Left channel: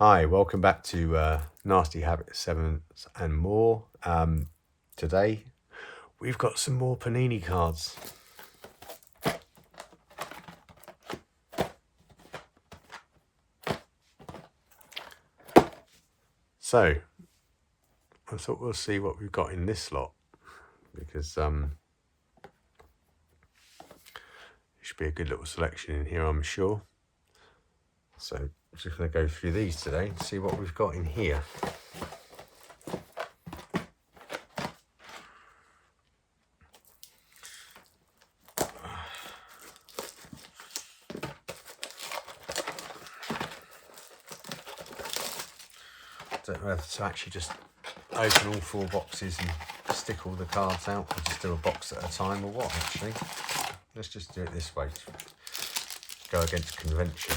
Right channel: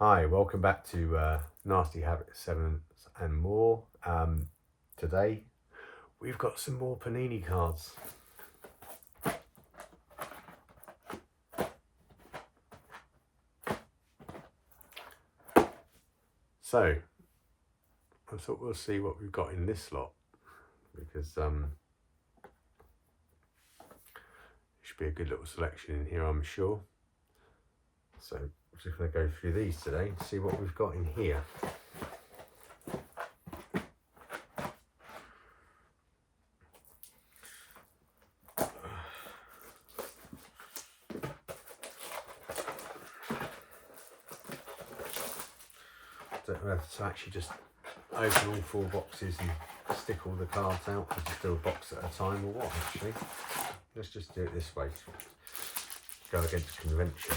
Hi, welcome back to Nasty Habits 7 and more. Today, we've got some more Panini cards. So, I thought we'll see what we've got in this lot, because should be a good little selection in here, I'm sure. So, I'm just going to go through these today and see what we've got in here. Don't know whether to actually just open all 4 boxes and stick all the cards out, or just do a box at a time, or what actually. Let's just do it this way, go against convention.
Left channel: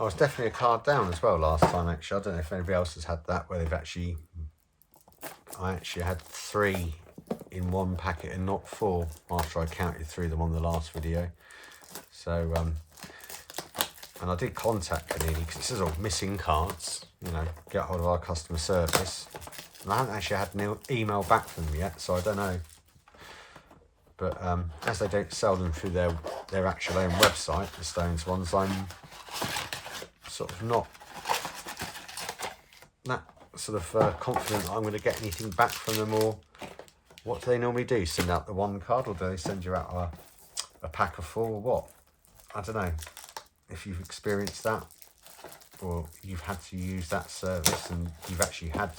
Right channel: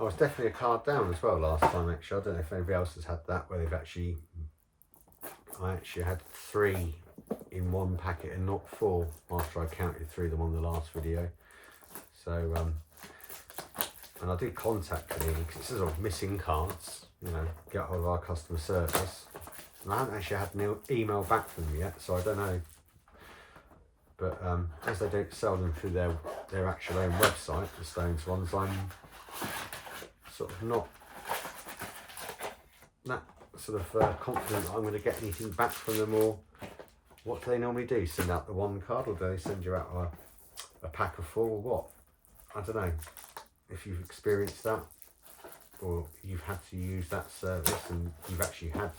I was definitely a card down as well last time, actually. I don't know if anybody else has had that, where I actually had 3 in one packet and not 4 after I counted through them on the last video. So, and I did contact Panini because it says, oh, missing cards, get hold of our customer service. And I haven't actually had an email back from them yet, so I don't know. But as they don't sell them through their actual own website, the Stones ones, I'm sort of not that sort of confident that I'm going to get anything back from them. Or what do they normally do? Send out the 1 card, or do they send you out a pack of 4, or what? I don't know if you've experienced that, or you've had to use that service and you've actually had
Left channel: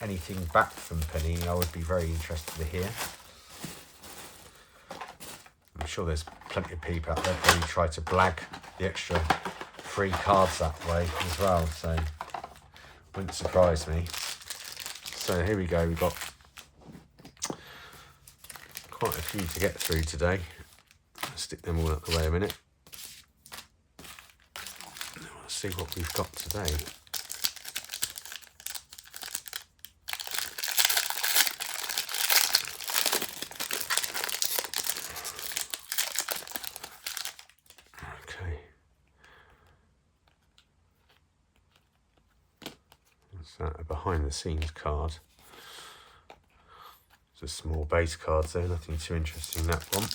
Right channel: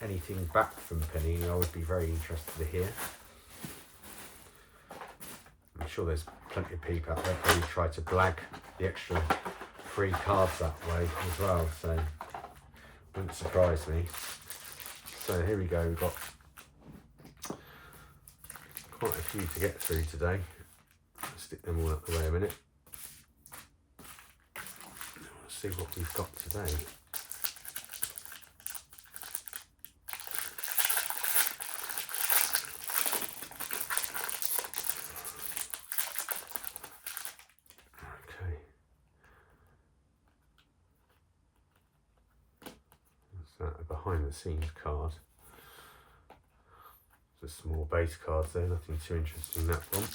anything back from Panini. I would be very interested to hear. I'm sure there's plenty of people out there who try to blag the extra free cards that way as well, so wouldn't surprise me. So here we go, we've got quite a few to get through today. I'll stick them all out the way a minute. Let's see what we've got today. A behind the scenes card. Just small base cards there, nothing too interesting in that one.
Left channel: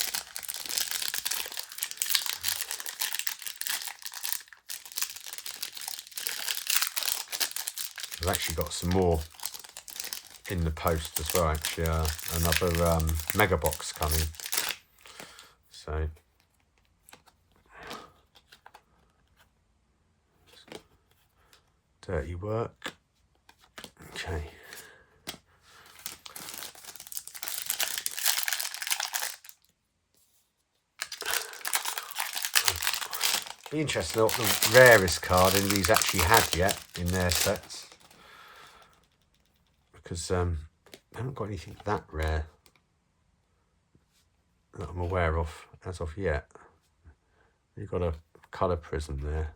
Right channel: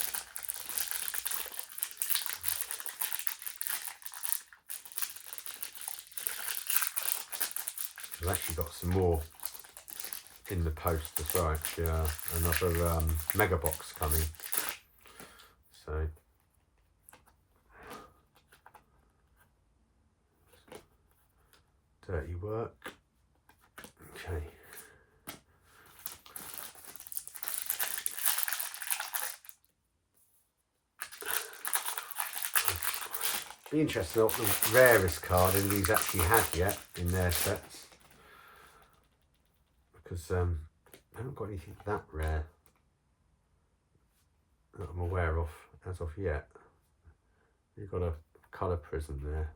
I've actually got some more in the post as well, actually, another mega box coming. So dirty work. Okay. Be interested in what the rarest card anybody's actually had yet in their sets, because I haven't got anything that rare that I'm aware of as of yet. You've got a colour prism there.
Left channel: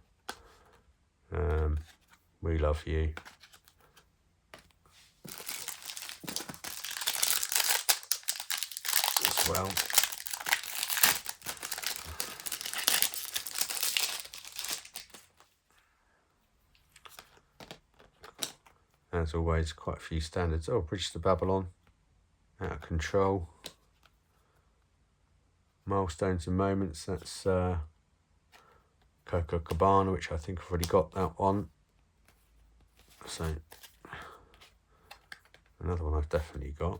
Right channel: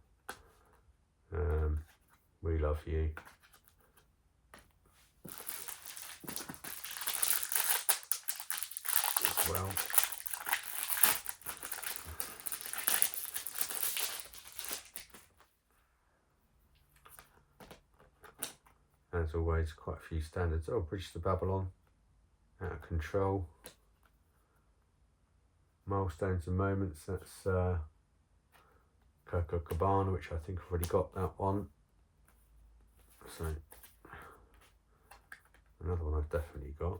We love you. As well. As always, quite a few standards. Oh, Bridge to Babylon, Out of Control, Milestones and Moments. That's Coco Cabana, which I think I've already got that one. So another one I've definitely got.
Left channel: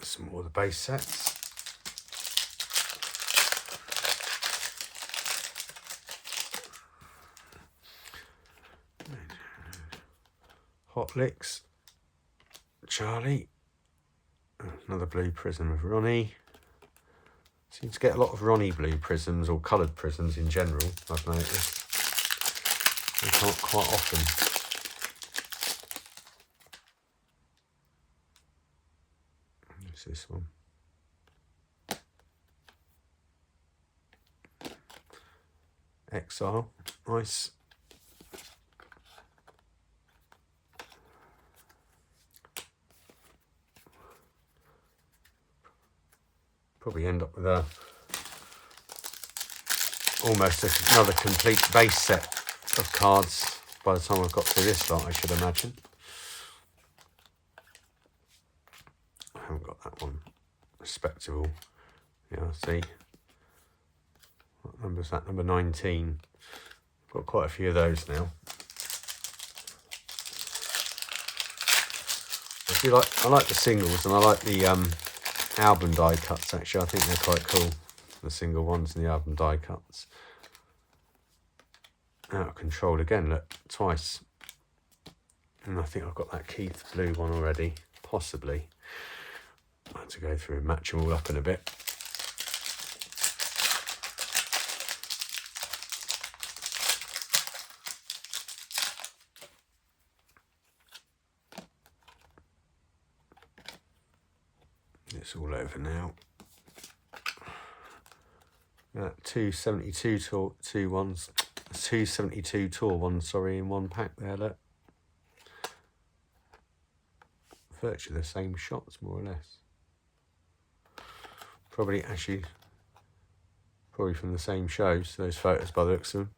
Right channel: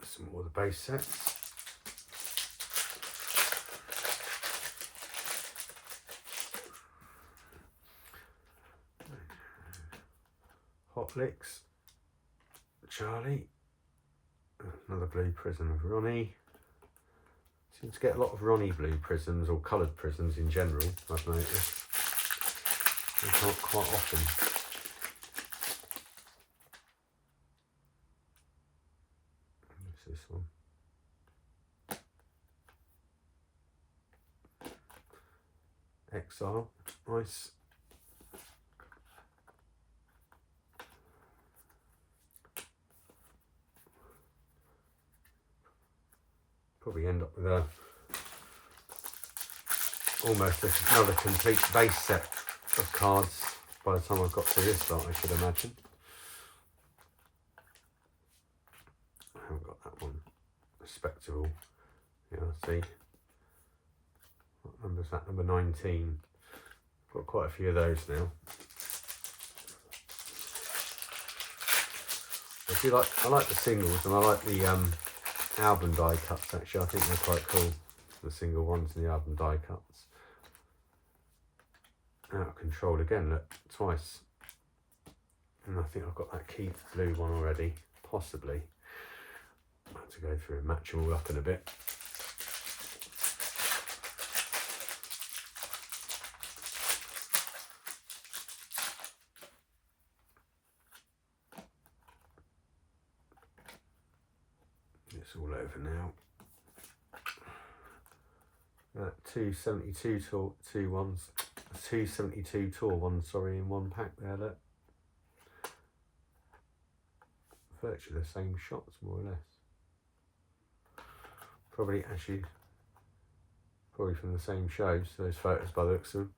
Some more of the base sets. Hot Licks, Charlie, another blue Prism of Ronnie, Seem to get a lot of Ronnie blue prisms or coloured prisms in general, I've noticed. They can't quite often. What's this one? XR, nice. Probably end up with almost another complete base set of cards by the time I've got through this lot, I should imagine. I haven't got that one. Respectable. Yeah, I see. What number is that? Number 19. Got quite a few of those now. I like the singles, and I like the album die cuts. Actually, I think they're quite cool. The single ones and the album die cuts. Out of Control again. Look, twice. And I think I've got that Keith blue one already, possibly. I have to go through and match them all up in a bit. It's all over now. That 272 tour, 272 tour one, sorry, in one pack there, look. Virtually the same shots, more or less. Probably from the same shows, those photos by the looks of them.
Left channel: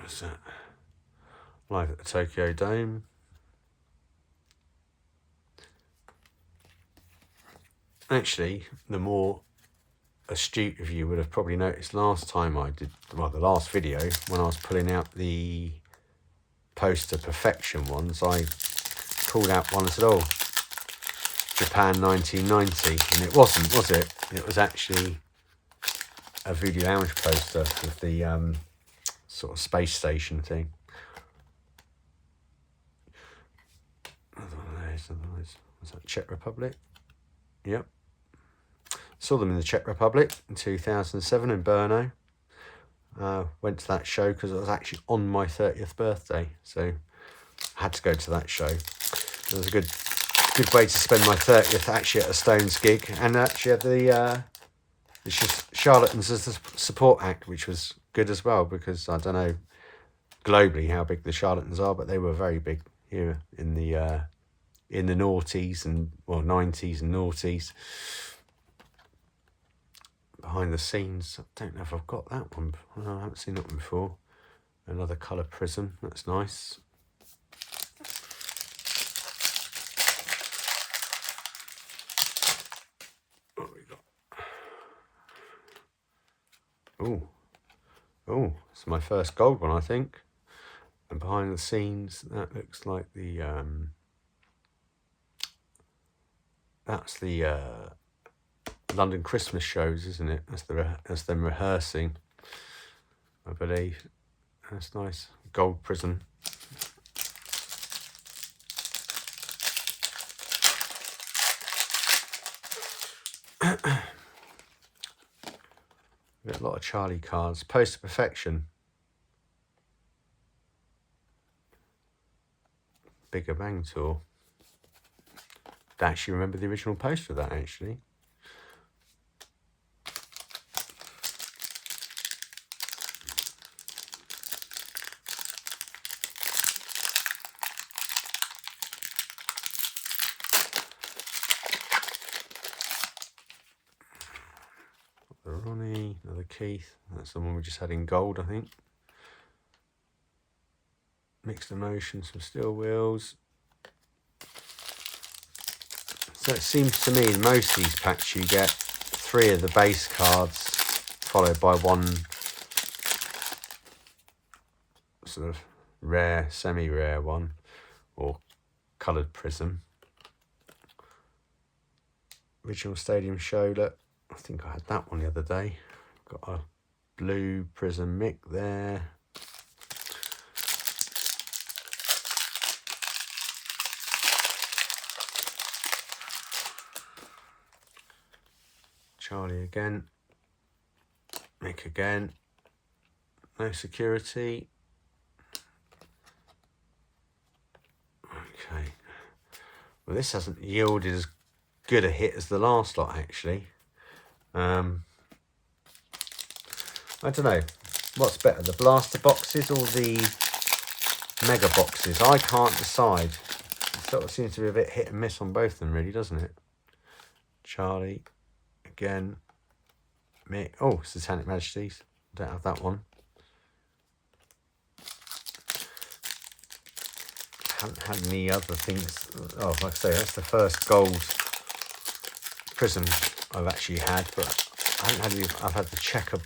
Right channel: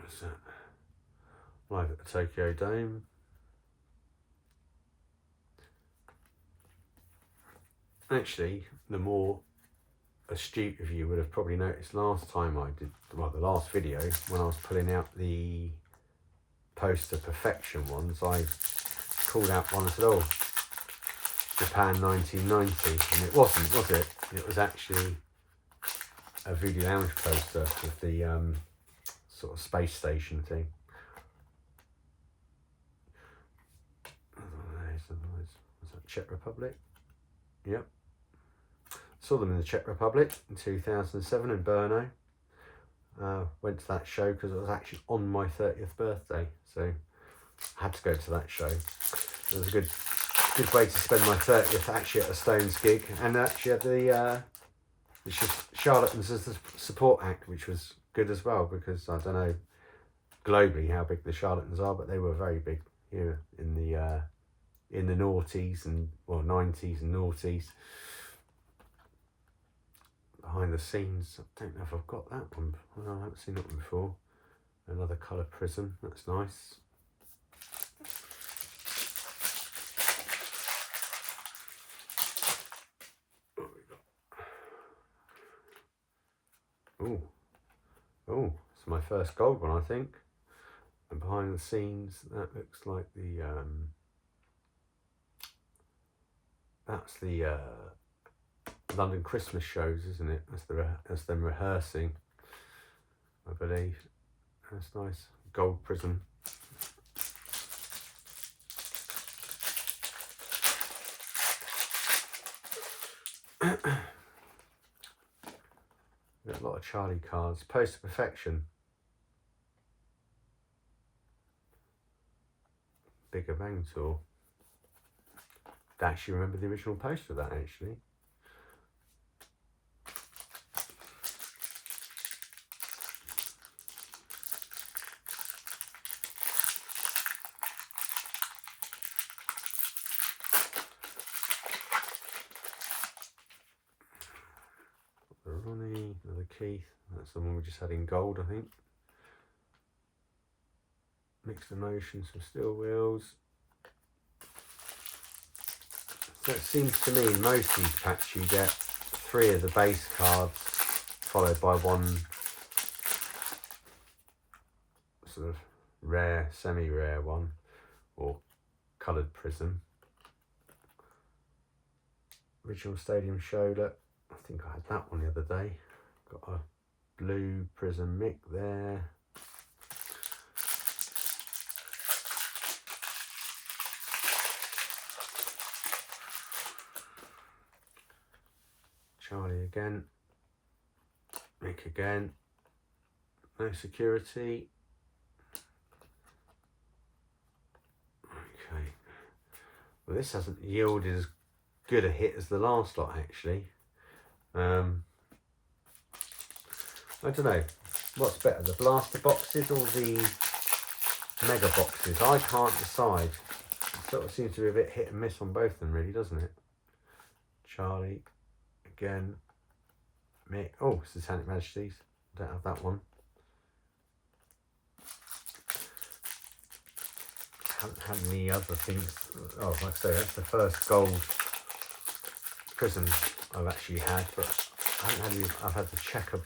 What's that? Live at the Tokyo Dome. Actually, the more astute of you would have probably noticed last time I did, well, the last video, when I was pulling out the poster perfection ones, I called out one and said, oh, Japan 1990, and it wasn't, was it? It was actually a Voodoo Lounge poster with the sort of space station thing. Was that Czech Republic? Yep. Saw them in the Czech Republic in 2007 in Brno. Went to that show because it was actually on my 30th birthday, so I had to go to that show. It was a good way to spend my 30th actually at a Stones gig, and actually had the Charlatans as the support act, which was good as well, because I don't know globally how big the Charlatans are, but they were very big here in the noughties and, well, 90s and noughties. Behind the scenes, I don't know if I've got that one. I haven't seen that one before. Another colour prism, that's nice. What have we got? Oh, it's my first gold one, I think. And behind the scenes, that looks like the that's the London Christmas shows, isn't it? As them rehearsing, I believe. That's nice. Gold prism. We've got a lot of Charlie cards. Poster Perfection. Bigger Bang Tour. I actually remember the original poster of that, actually. Ronnie, another Keith. That's the one we just had in gold, I think. Mixed Emotions, some Steel Wheels. So it seems to me in most of these packs you get 3 of the base cards followed by one sort of rare, semi-rare one, or coloured prism. original Stadium Show. Look, I think I had that one the other day. Got a blue Prizm Mick there. Charlie again. Mick again. No security. Okay. Well, this hasn't yielded as good a hit as the last lot, actually. I don't know. What's better, the blaster boxes or the mega boxes? I can't decide. It sort of seems to be a bit hit and miss on both of them, really, doesn't it? Charlie again. Mick. Oh, Satanic Majesties. Don't have that one. Haven't had any other things. Oh, like I say, that's the first gold Prizm I've actually had, but I haven't had any. I've had the checker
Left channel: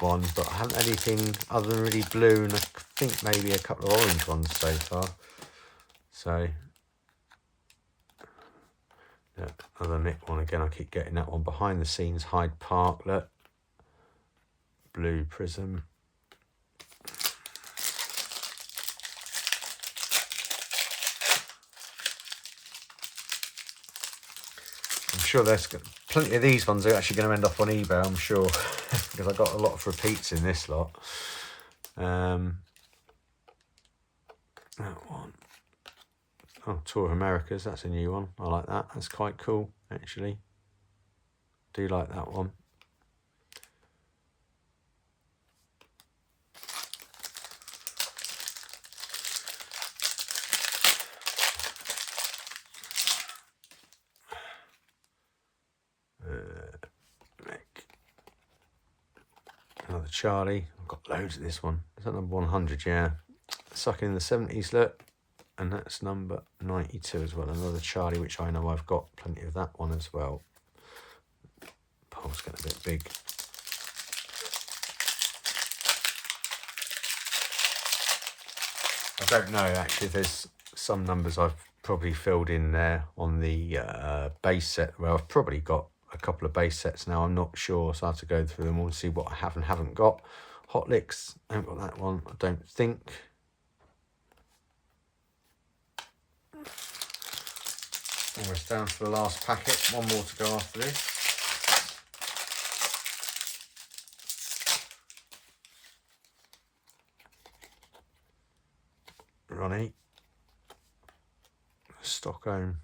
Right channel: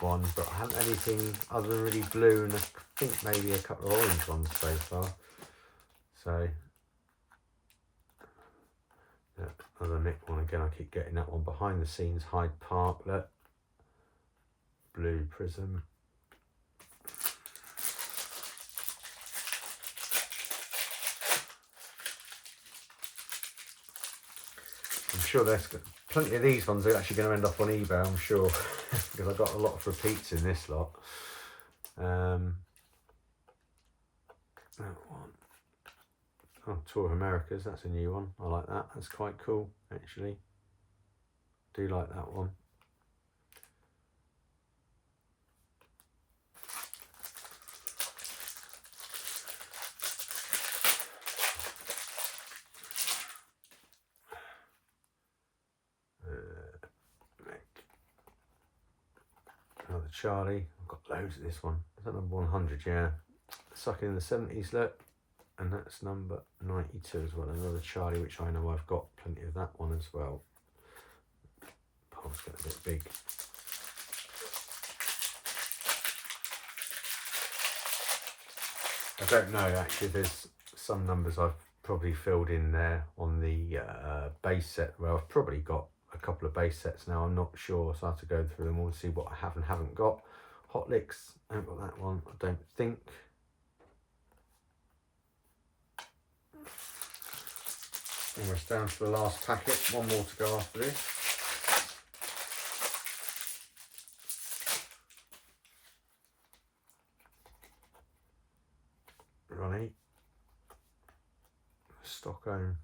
one, but I haven't had anything other than really blue, and I think maybe a couple of orange ones so far. So, yeah, another Mick one again. I keep getting that one. Behind the Scenes Hyde Park. Look, blue Prizm. I'm sure there's plenty of these ones are actually going to end up on eBay, I'm sure, because I got a lot of repeats in this lot. That one. Oh, Tour of Americas, that's a new one. I like that. That's quite cool, actually. Do like that one. Another Charlie. I've got loads of this one. Is that number 100? Yeah. Sucking in the 70s, look. And that's number 92 as well. Another Charlie, which I know I've got plenty of that one as well. Pole's getting a bit big. I don't know, actually. There's some numbers I've probably filled in there on the base set. Well, I've probably got a couple of base sets now. I'm not sure, so I have to go through them all and see what I have and haven't got. Hot Licks, I haven't got that one, I don't think. Almost down to the last packet. One more to go after this. Ronnie. Stockholm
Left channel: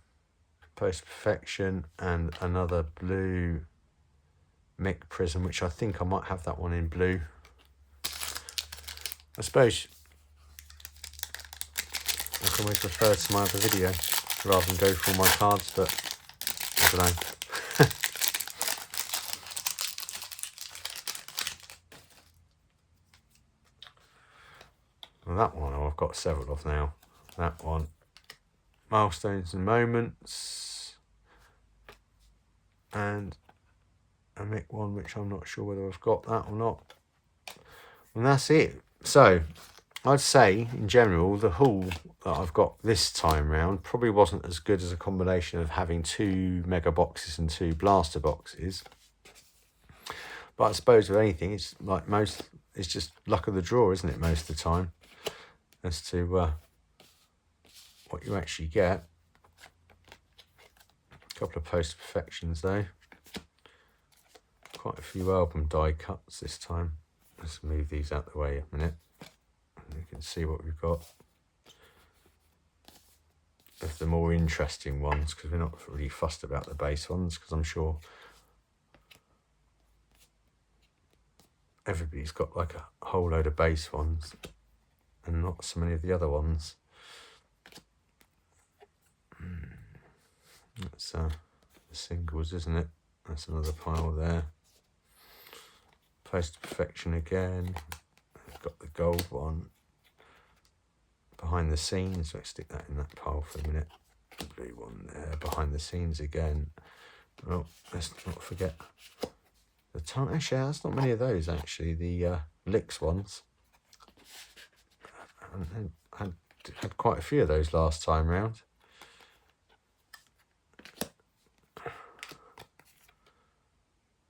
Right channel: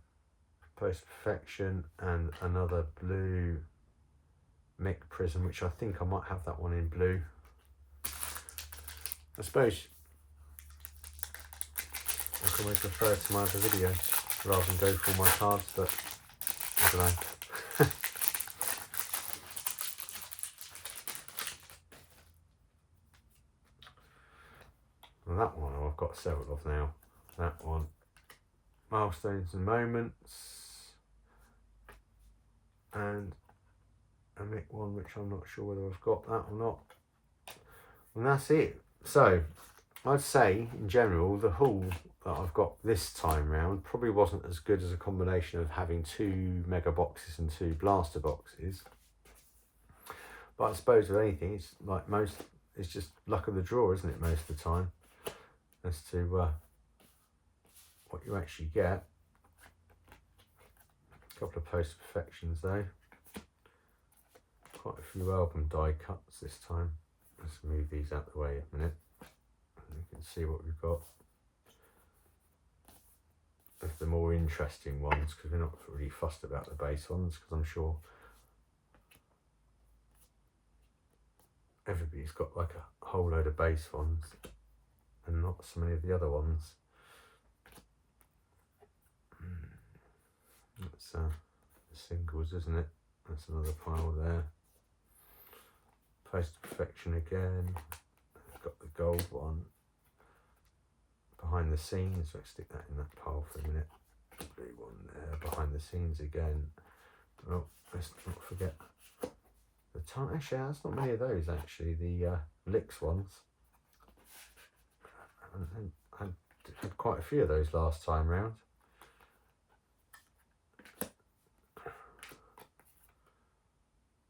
Post Perfection, and another blue Mick Prizm, which I think I might have that one in blue. I suppose I can always refer to my other video rather than go through my cards, but I don't know. Well, that one I've got several of now. That one. Milestones and Moments. And a Mick one, which I'm not sure whether I've got that or not. And that's it. So I'd say in general the haul that I've got this time round probably wasn't as good as a combination of having 2 mega boxes and 2 blaster boxes. But I suppose with anything, it's like it's just luck of the draw, isn't it, most of the time, as to what you actually get. A couple of Post Perfections though. Quite a few album die cuts this time. Let's move these out the way a minute. You can see what we've got. Of the more interesting ones, because we're not really fussed about the base ones, because I'm sure everybody's got like a whole load of base ones and not so many of the other ones. That's the singles, isn't it? That's another pile there. Post Perfection again. I've got the gold one. Behind the Scenes, let's stick that in that pile for a minute. Blue one there. Behind the Scenes again. Well, let's not forget the time. Actually, there's not many of those actually. The Licks ones. I had quite a few of those last time round.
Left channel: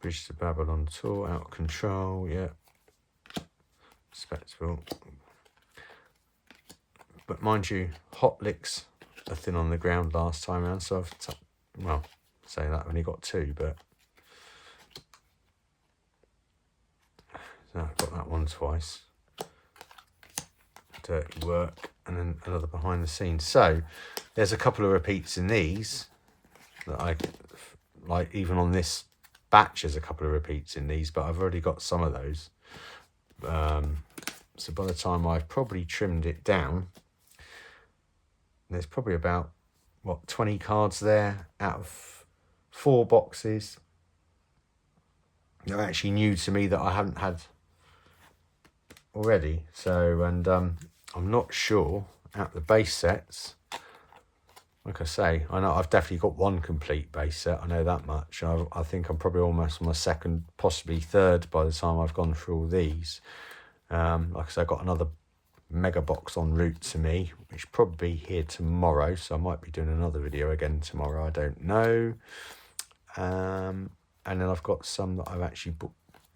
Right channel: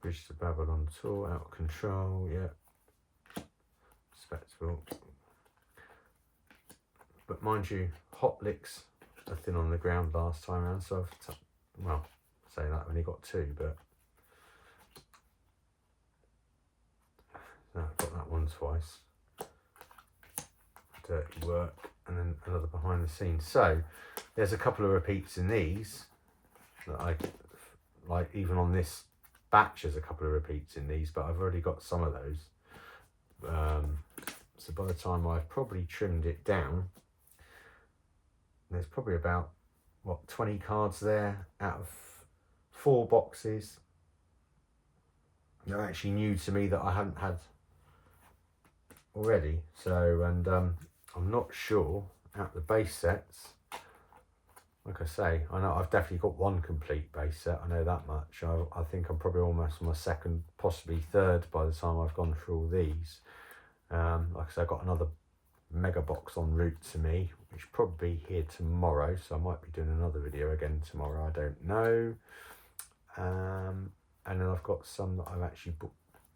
Bridge to Babylon Tour, Out of Control, yeah. Spectacle. But mind you, Hot Licks are thin on the ground last time around, so I've, well, say that I've only got 2, but so I've got that one twice. Dirty Work, and then another behind the scenes. So there's a couple of repeats in these that I like. Even on this batch there's a couple of repeats in these, but I've already got some of those. So by the time I've probably trimmed it down, there's probably about, what, 20 cards there out of 4 boxes. They're actually new to me that I haven't had already. So, and I'm not sure out the base sets. Like I say, I know I've definitely got 1 complete base set. I know that much. I think I'm probably almost on my 2nd, possibly 3rd by the time I've gone through all these. Like I say, I've got another mega box en route to me, which probably be here tomorrow. So I might be doing another video again tomorrow. I don't know. And then I've got some that I've actually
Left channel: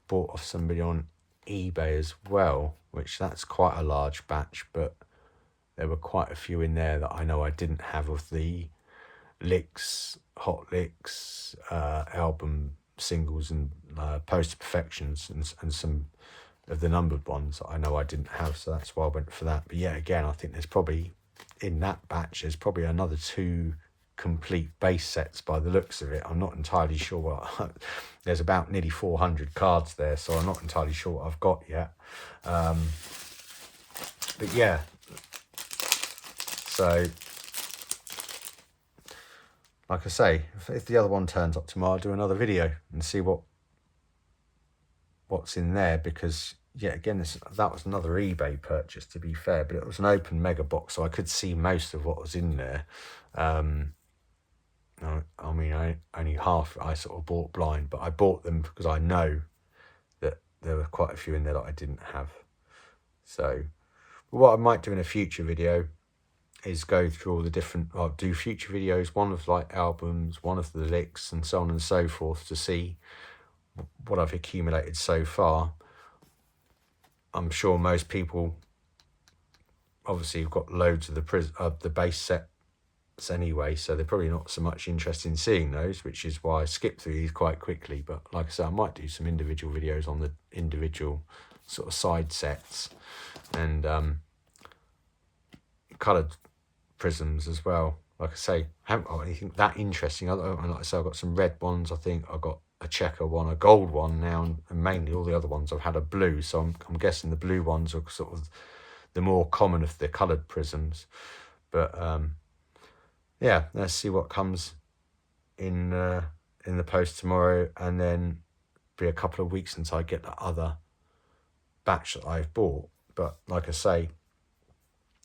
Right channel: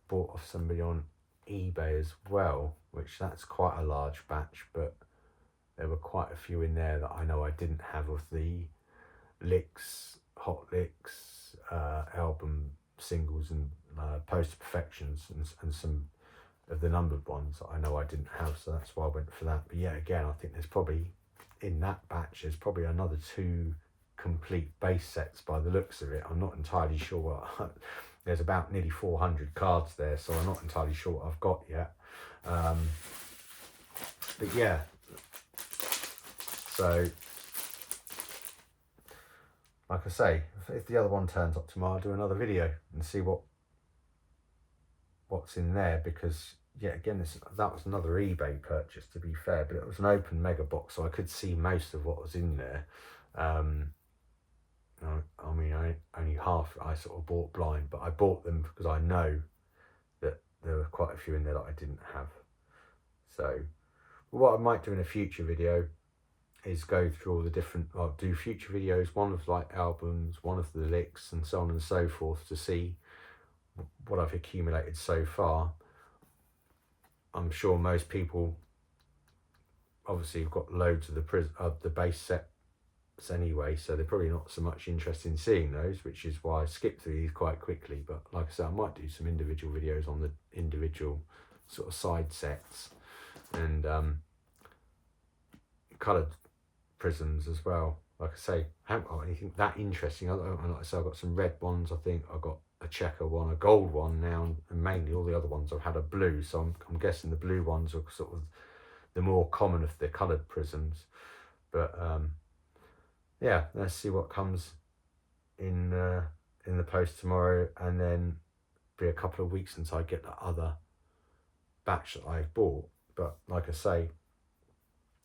bought off somebody on eBay as well, which that's quite a large batch, but there were quite a few in there that I know I didn't have of the licks, hot licks, album singles, and poster perfections, and some of the numbered ones that I know I didn't have, so that's why I went for that. But yeah, again, I think there's probably in that batch there's probably another 2 complete base sets by the looks of it. I'm not entirely sure what there's about nearly 400 cards there, so I'm not entirely sure what I've got yet. But yeah, so like I say, if the other one turns up tomorrow, I'll do another video and see what's in there, because yeah, again, that was another eBay purchase, to be fair, but it was an open mega box, so I could see most of what was in there. I mean, only half I sort of bought blind, but I bought them because I know that there were quite a few in there that I didn't have. So what I might do in a future video is go through all the different, I'll do future videos, one of like albums, one of the licks, and so on and so forth, to see what I've accumulated so far. I'm sure most people obviously have got loads of the base sets anyway, so they're probably not so much interested in seeing those, which is why I skipped through these quite quickly. But like I said, I might do some individual videos on the individual sort of side sets and coloured prisms as well. Like I say, I haven't got anything that interesting. Like I say, I've got some red ones. I think I've got a checker one, a gold one now, and mainly all the other ones I've had a blue. So I'm guessing the blue ones are sort of the more common of the coloured prisms. But yeah, let's see what comes in the post tomorrow, and then be a couple of weeks until I get that other batch that I've bought. But like I say,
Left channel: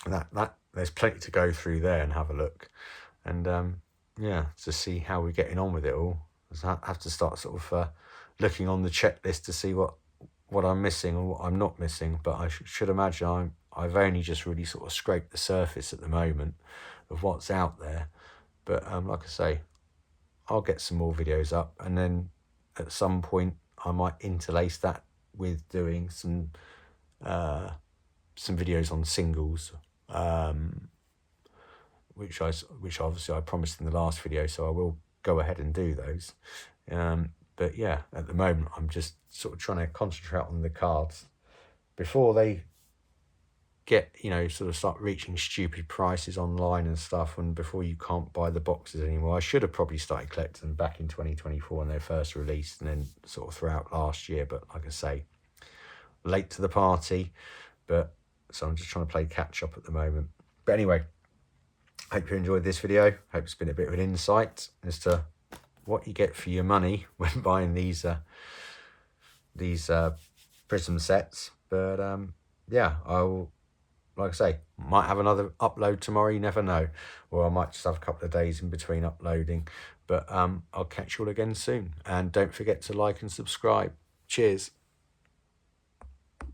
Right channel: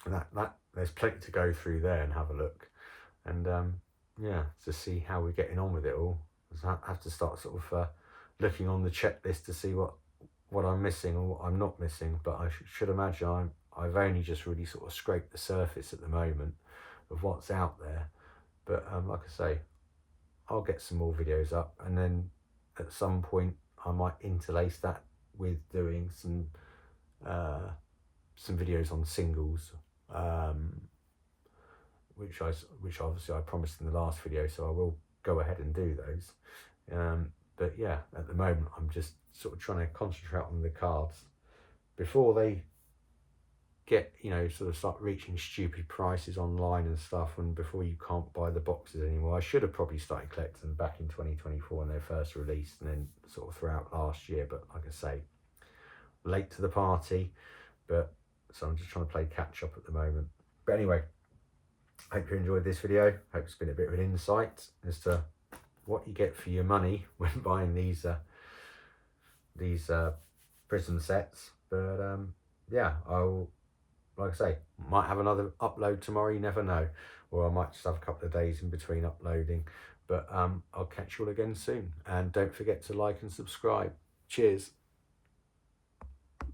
that there's plenty to go through there and have a look, and yeah, to see how we're getting on with it all. I have to start sort of looking on the checklist to see what I'm missing or what I'm not missing. But I should imagine I've only just really sort of scraped the surface at the moment of what's out there. But like I say, I'll get some more videos up, and then at some point I might interlace that with doing some videos on singles, which obviously I promised in the last video, so I will go ahead and do those. But yeah, at the moment I'm just sort of trying to concentrate on the cards before they get, you know, sort of start reaching stupid prices online and stuff, and before you can't buy the boxes anymore. I should have probably started collecting them back in 2024 when they first released, and then sort of throughout last year, but like I say, late to the party. But so I'm just trying to play catch up at the moment. But anyway, hope you enjoyed this video. Hope it's been a bit of an insight as to what you get for your money when buying these prism sets. But yeah, I will, like I say, might have another upload tomorrow, you never know, or I might just have a couple of days in between uploading. But I'll catch you all again soon, and don't forget to like and subscribe. Cheers.